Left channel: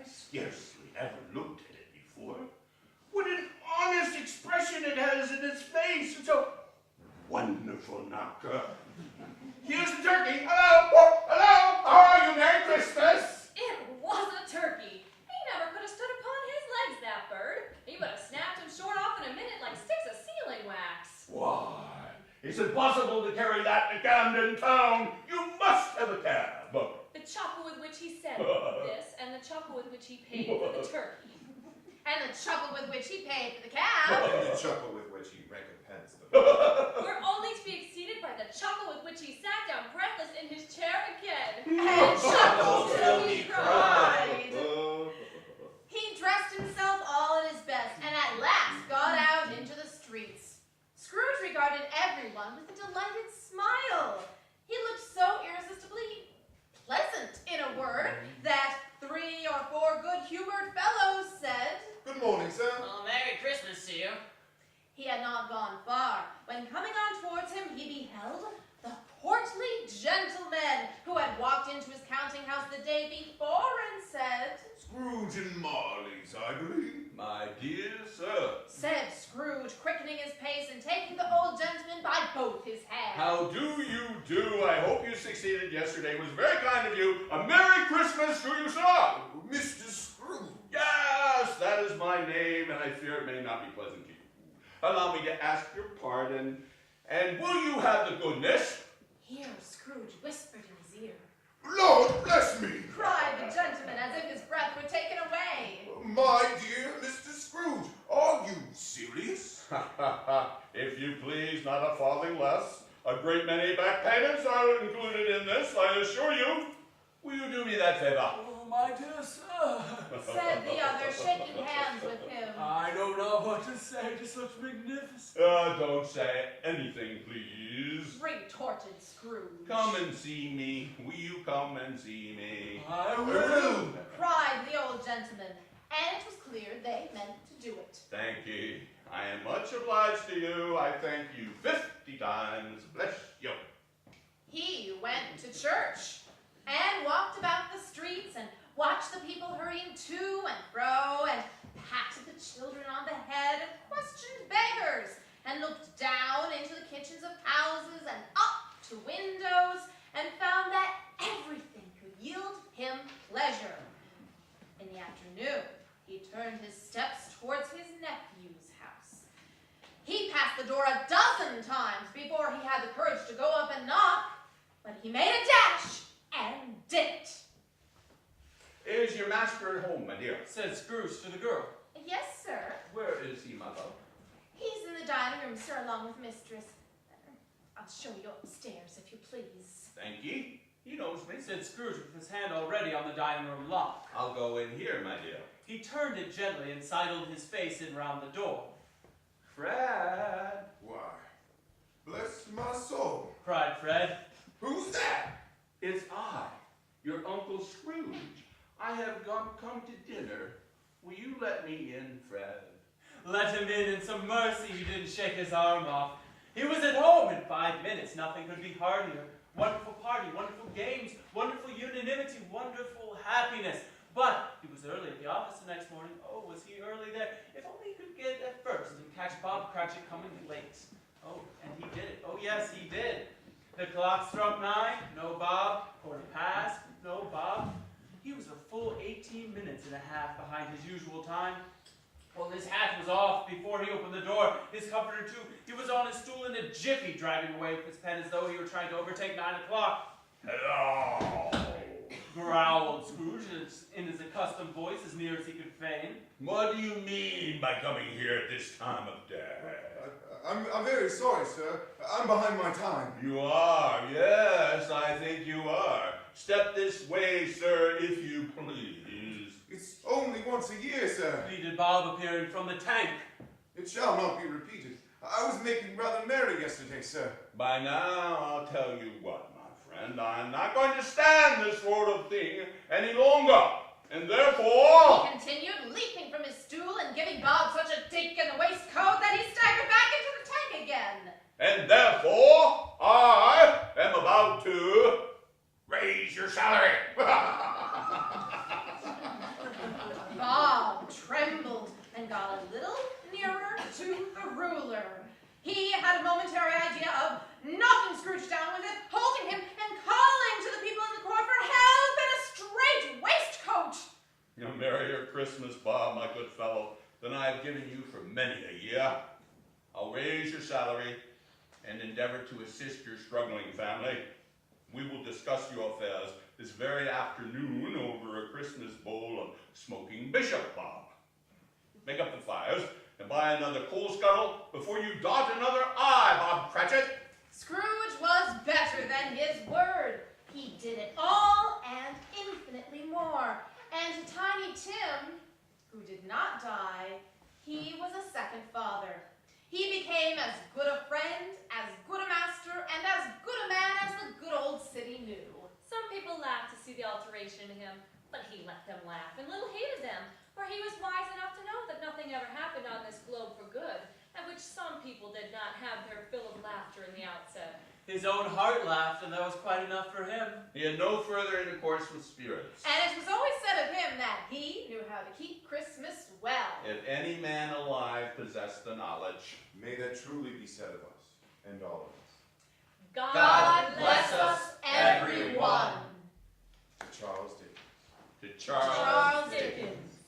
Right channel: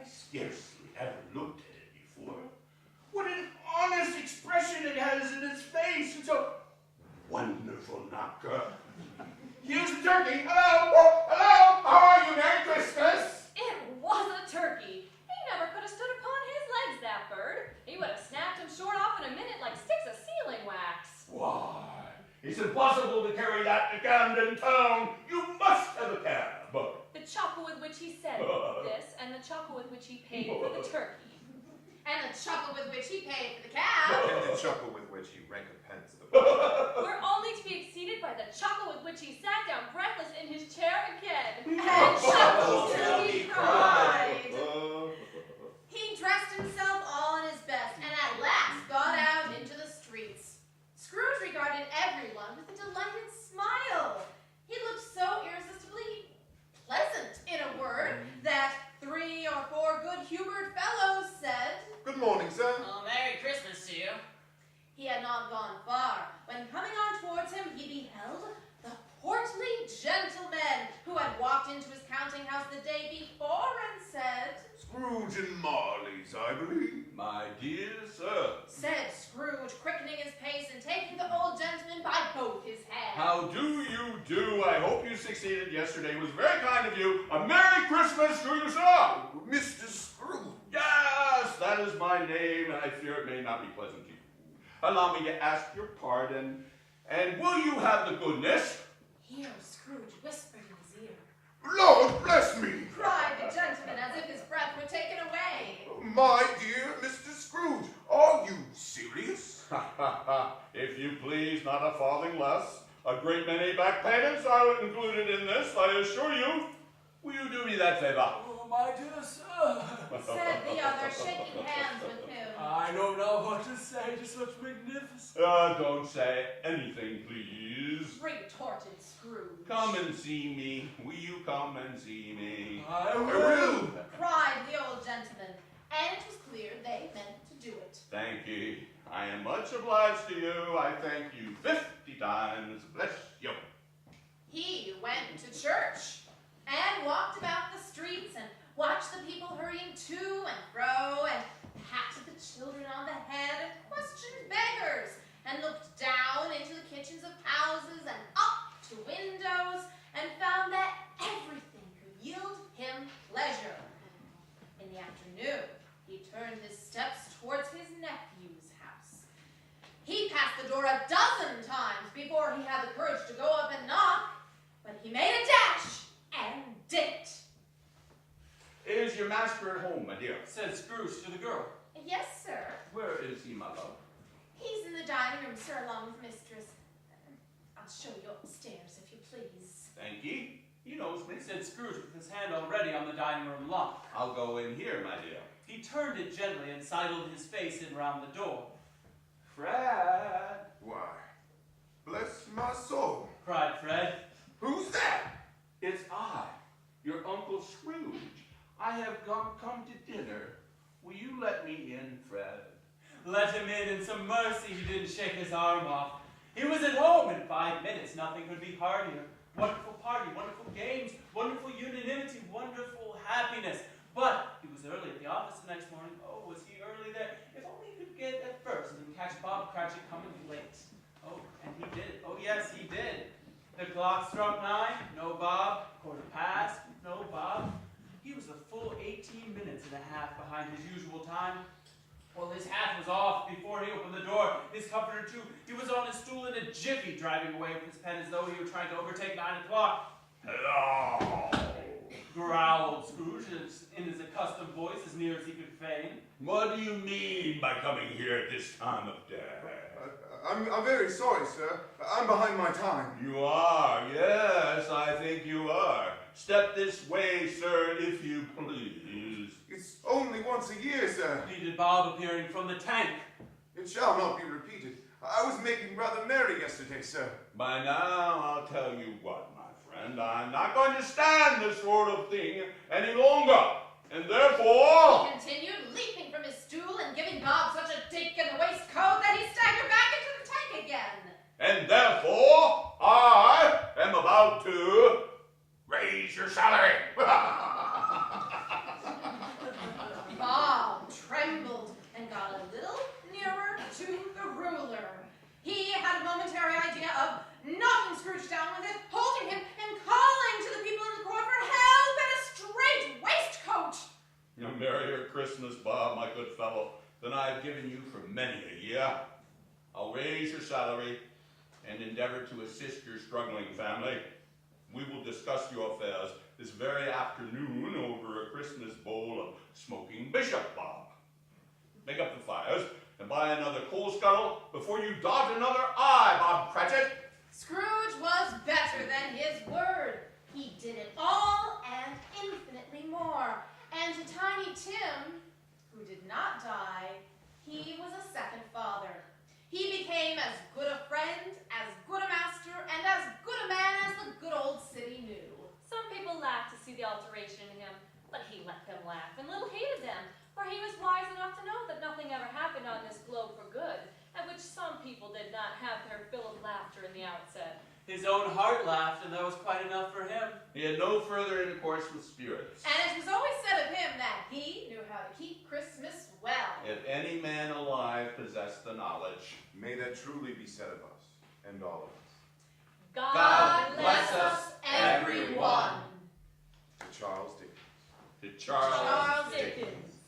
I scarcely ever looked at it before. What an honest expression it has in its face. It's a wonderful knocker. Here's the turkey. Hello. Hello. How are you? Merry Christmas. It was a turkey. He never could have stood upon his legs, that bird. He would have snapped him short off in a minute like sticks of sealing wax. Why, it's impossible to carry that to Camden Town. You must have a cab. The chuckle with which he said this, and the chuckle with which he paid for the turkey. And the chuckle with which he paid for the cab. And the chuckle with which he recompensed the bird. We're only to be exceeded by the chuckle with which he sat down breathless in his chair again. And chuckled till he cried. He dressed himself all in his best, and at last got out into the streets. Scrooge regarded everyone with a delighted smile. He looked so irresistibly pleasant, in a word, that 3 or 4 good-humored fellows said, Good morning, sir. Oh, Merry Christmas to you. He had not gone far, when coming on towards him he beheld the portly gentleman who had walked into his counting house the day before and said, Scrooge and Marley's, I believe. My dear sir. Said Scrooge, quickening his pace and taking the old gentleman by both his hands. How do you do? I hope you succeeded yesterday. It was very kind of you. A Merry Christmas to you, sir. Mr. Scrooge. Yes, that is my name, and I fear it may not be pleasant to you. Allow me to ask your pardon, and will you have the goodness? Here Scrooge whispered in his ear. Lord bless me. Cried the gentleman as if his breath were taken away. My dear Mr. Scrooge, are you serious? If you please, not a farthing less. A great many back payments are included in this, I assure you. Will you do me that favor? Oh, my dear sir. Said the other, shaking hands with him. I don't know what to say. Just looks magnificent. Don't say anything, please. Retorted Scrooge. Come and see me. Will you come and see me? I will. Cried the old gentleman, and it was clear they meant to do it. Thank you. I am much obliged to you. I thank you 50 times. Bless you. He went to church and walked about the streets and watched the people hurrying to and fro and patted the children on the head and questioned beggars and looked down into the kitchens of houses and up to windows and found that everything could yield him pleasure. In the afternoon, he turned his steps towards his nephew's house. He passed the door 12 times before he had the courage to go up and knock, but he made a dash and did it. Is your master at home, my dear? Said Scrooge to the girl. Yes, sir. Where is he, my love? He's in the dining room, sir, along with mistress. I'll show you upstairs, if you please. Thank ye. He knows me. Said Scrooge with his hand already on the dining room lock. I'll go in here, my dear. He turned it gently and sidled his face in round the door. Fred. Why, bless my soul. Cried Fred. Who's that? It's I, your Uncle Scrooge. I have come to dinner. Will you let me in, Fred? Let him in some mercy he didn't shake his arm off. He was at home in 5 minutes. Nothing could be heartier. Wonderful party, wonderful games, wonderful unanimity, wonderful happiness. But he was early at the office the next morning. Oh, was he early there? If only he could get at first and catch Bob Cratchit coming late. Oh, and he did it. Oh, yes, he did. The clock struck 9. No Bob. 1/4, no Bob. He was a full 18 minutes and a half behind his usual time. Well, his hat was off before he opened the door. His comforter, too. He was on his stool in a jiffy, driving away with his pen as though he were trying to overtake 9 o'clock. Hello. Growled Scrooge in his accustomed voice as near as he could feign. What do you mean by coming here at this time of day? I'm very sorry, sir. I'm behind my time. You are, yes, I think you are. Step this way, sir, if you please. It's only once a year, sir. Pleaded Bob, appearing from the tank. It shall not be repeated. I was making rather merry yesterday, sir. By now, I'll tell you what, my friend, I'm not going to stand this sort of thing any longer. And therefore... He continued, leaping from his stool and giving Bob such a dig in the waistcoat that he staggered back into the tank again. And therefore, I am about to raise your salary. had a momentary idea of knocking Scrooge down with it, holding him, and calling to the people in the court for help and a straight waistcoat. A merrier Christmas, Bob, my good fellow, than I have given you for many a year. I'll raise your salary and endeavor to assist your struggling family. We will discuss your affairs this very afternoon over a Christmas bowl of smoking bishop, Bob. Make up the fires and buy another coal scuttle before you dot another I, Bob Cratchit. Scrooge was better than his word. He did it all and infinitely more. And to Tiny Tim, who did not die, he was a second father. He became as good a friend, as good a master, and as good a man as the good old city knew. Some people laughed to see the alteration in him, but he let them laugh and little heeded them, for he was wise enough to know that nothing ever happened on this globe for good, at which some people did not have their fill of laughter in the outset. His own heart laughed, and that was quite enough for him. He had no further intercourse with spirits. And it was always said of him that he knew how to keep Christmas well. If any man alive possessed the knowledge, May that truly be said of us, and all of us. God bless us, everyone. To Charles Dickens. to Charles Charles Dickens.